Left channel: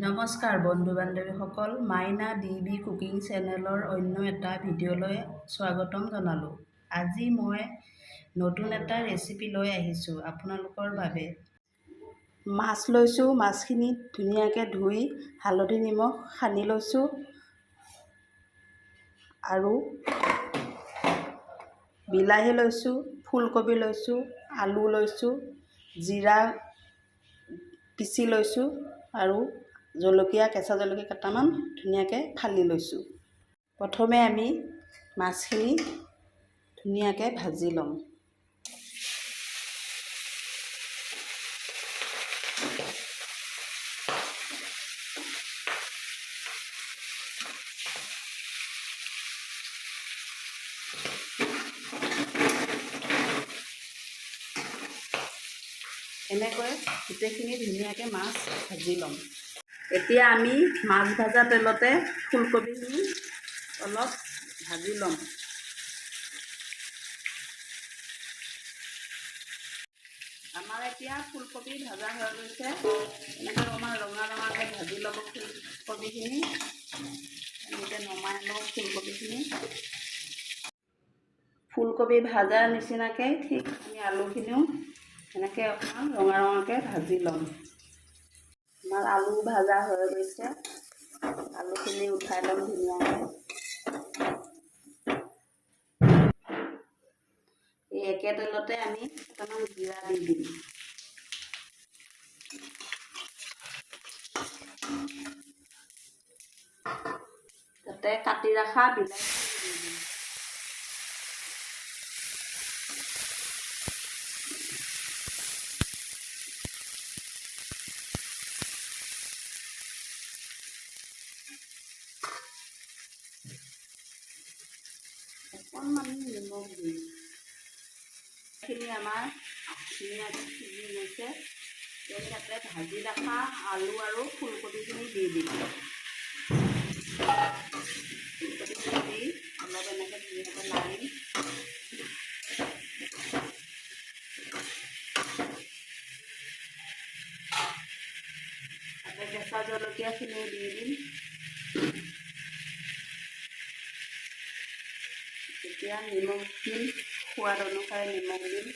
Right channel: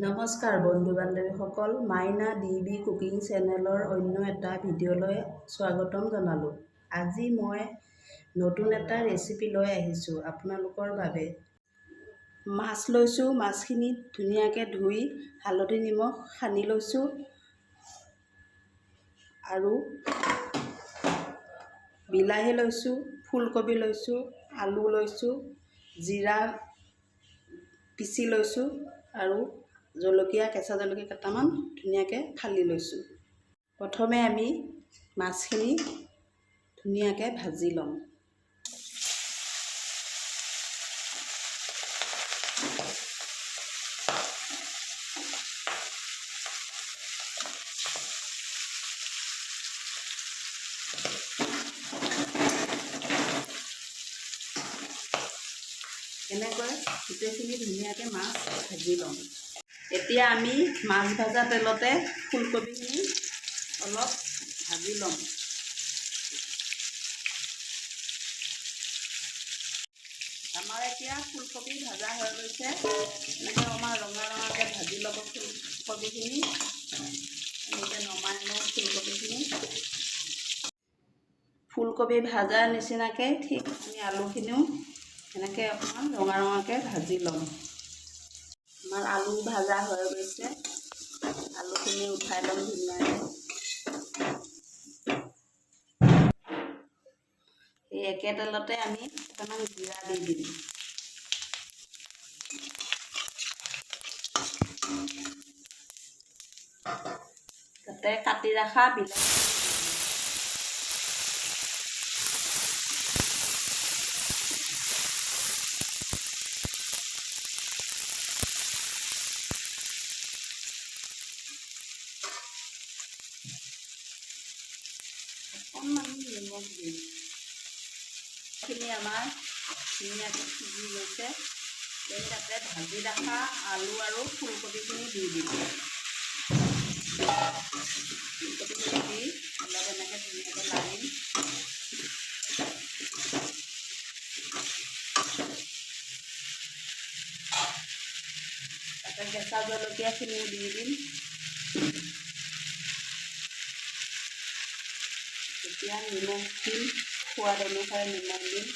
নমস্কাৰ বন্ধু বান্ধৱীসকল, মাইনা DB cooking চেনেলৰ অন্য এটা ভিডিঅ'লৈ স্বাগতম জনালোঁ। আজি মই নতুন এটা ৰেচিপি লৈ আহিছোঁ আপোনালোকৰ বাবে। মাছ লৈছোঁ, মাছখিনি ধুনীয়াকৈ ধুই হালধি নিমখ সানি লৈছোঁ আৰু বিলাহী লৈছোঁ, ফুলকবি লৈছোঁ, আলু লৈছোঁ, জিৰা পিচি লৈছোঁ আৰু জলকীয়া, কেঁচা জলকীয়া কেইটামান ধুনীয়াকৈ ফালি লৈছোঁ। প্ৰথমে আমি মাছখিনি ধুনীয়াকৈ ভাজি ল'ম। এনেকৈ গোটেইখিনি ধুনীয়াকৈ মাছ ভাজি ল'ম। এতিয়া আমি মাছ ভাজা তেলতে ফুলকবিখিনি অলপ ভাজি ল'ম। আমাৰ এতিয়া ফুলকবি ভাজা হৈ গৈছে। এনেকৈ আমাৰ ৰঙা ৰঙাকৈ ভাজি ল'ব ফুলকবিখিনি। এনেকৈ নমাই লওঁ ফুলকবিখিনি। ফুলকবি ভাজাৰ নিচিনাকৈ ঠিক আমি আলুখিনিও এনেকৈ অকণমান ৰঙা ৰঙাকৈ ভাজি ল'ম। আমাৰ আলু ভাজা হৈ গৈছে। আলুখিনি উঠাই ল'ম ধুনীয়াকৈ। এই একে তেলতে আমি অকণমান জিৰা দি দিম। তাতে কাটি ৰখা বিলাহী দি দিম। অকণমান নিমখ দিম। খিনি আমাৰ ধুনীয়াকৈ সিজি গৈছে। তাতে ভাজি ৰখা আলু আৰু ফুলকবিখিনি দি দিম। ফুলকবিখিনি দি অলপ এনেকৈ ধুনীয়াকৈ লাৰিম। তাতে কেঁচা জলকীয়াখিনিও দি দিম। এতিয়া নিমখ দিম, সোৱাদ অনুসাৰে নিমখ দিম।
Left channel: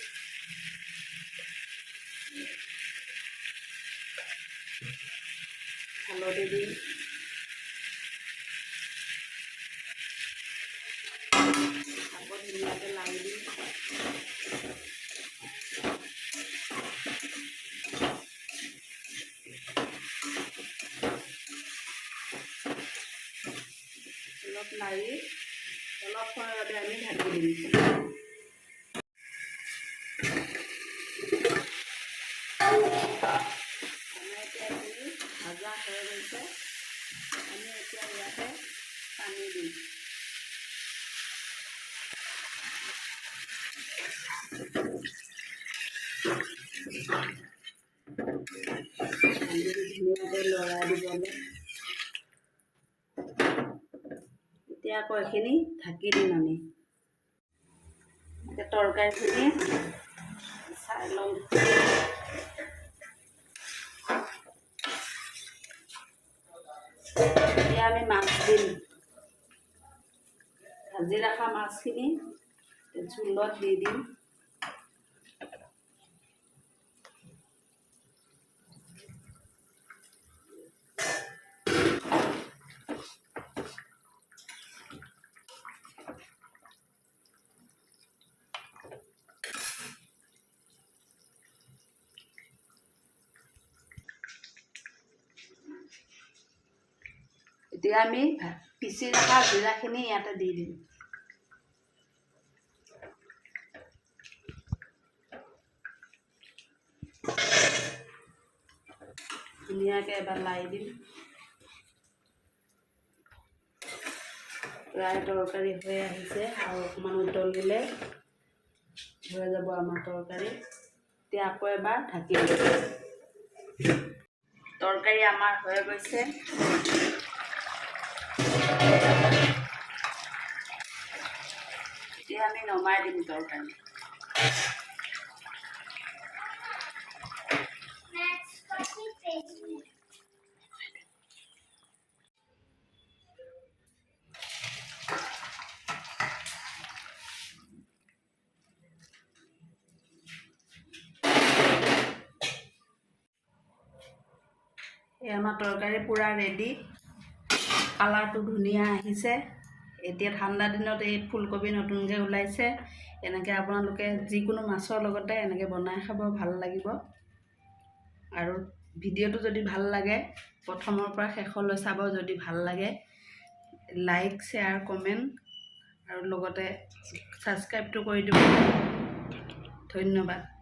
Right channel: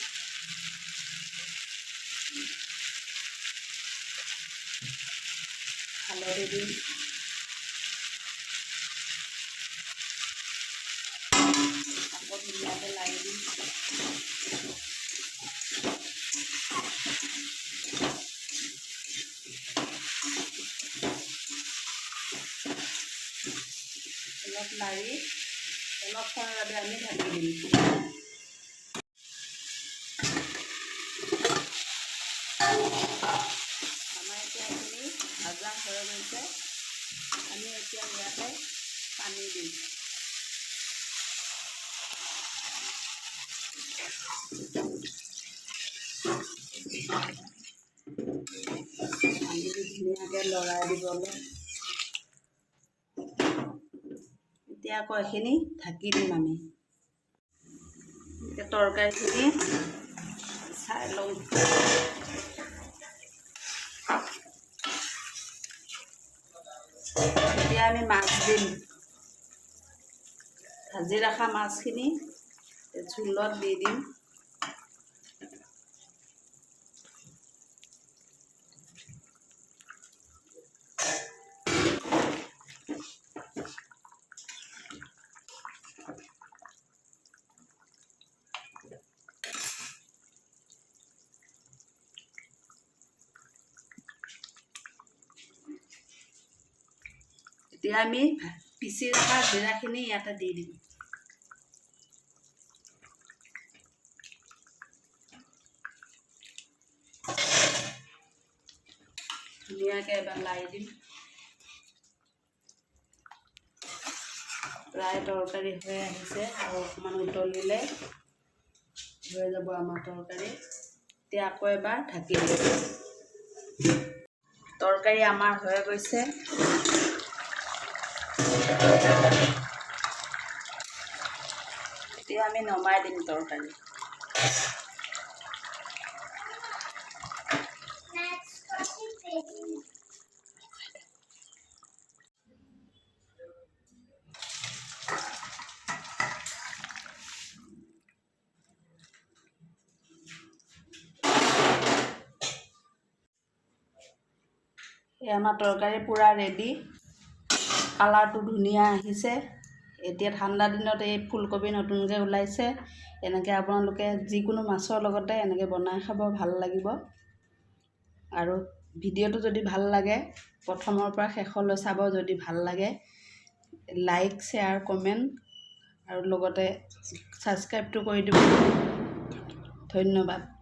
হালধি দিম। আকৌ ধুনীয়াকৈ লাৰি দিম। অলপ লাৰি অলপ সময়ৰ বাবে আমি ঢাকি দিম। আমাৰ এতিয়া এইখিনি ভাজা হৈ গৈছে। আমি এতিয়া ইয়াতে পানী দিম। ধুনীয়াকৈ লৰাই দিব অলপ। এতিয়া আকৌ এইখিনি ঢাকি দিম আমি। এতিয়া তৰকাৰীখিনি চাই ল'ম। এতিয়া আমি মাছ দিম। ভাজি ৰখা মাছখিনি জোলত দি দিম। এতিয়া আমি পিচি ৰখা জিৰাখিনি ইয়াতে দি দিম। ধুনীয়াকৈ এবাৰ লাৰি দিম। প্ৰায় তৰকাৰী হৈ আহিছে আৰু অকণমান উতলিলে হৈ যাব আমাৰ তৰকাৰী। এতিয়া আকৌ এবাৰ ঢাকি দিম। তৰকাৰী আমাৰ হৈ গৈছে। এতিয়া আমি নমাই দিম তৰকাৰী। এই আমাৰ তৰকাৰী পূৰা ৰেডি, কালাৰটো ধুনীয়া আহিছে। এতিয়া ঠাণ্ডা দিনত এই ফুলকবি নতুনকৈ ওলাইছে, এনেকৈ আপোনালোকে যিকোনো মাছৰ লগতে এনেকৈ বনাই খাব, ভাল লাগিব। আৰু ভিডিঅ'টো যদি ভাল লাগে প্ৰথমৰ পৰা শেষলৈ চাব, যদি ভাল লাগে লাইক, শ্বেয়াৰ, কমেণ্ট আৰু লগতে ছাবস্ক্ৰাইবটো কৰি দিব। ধন্যবাদ।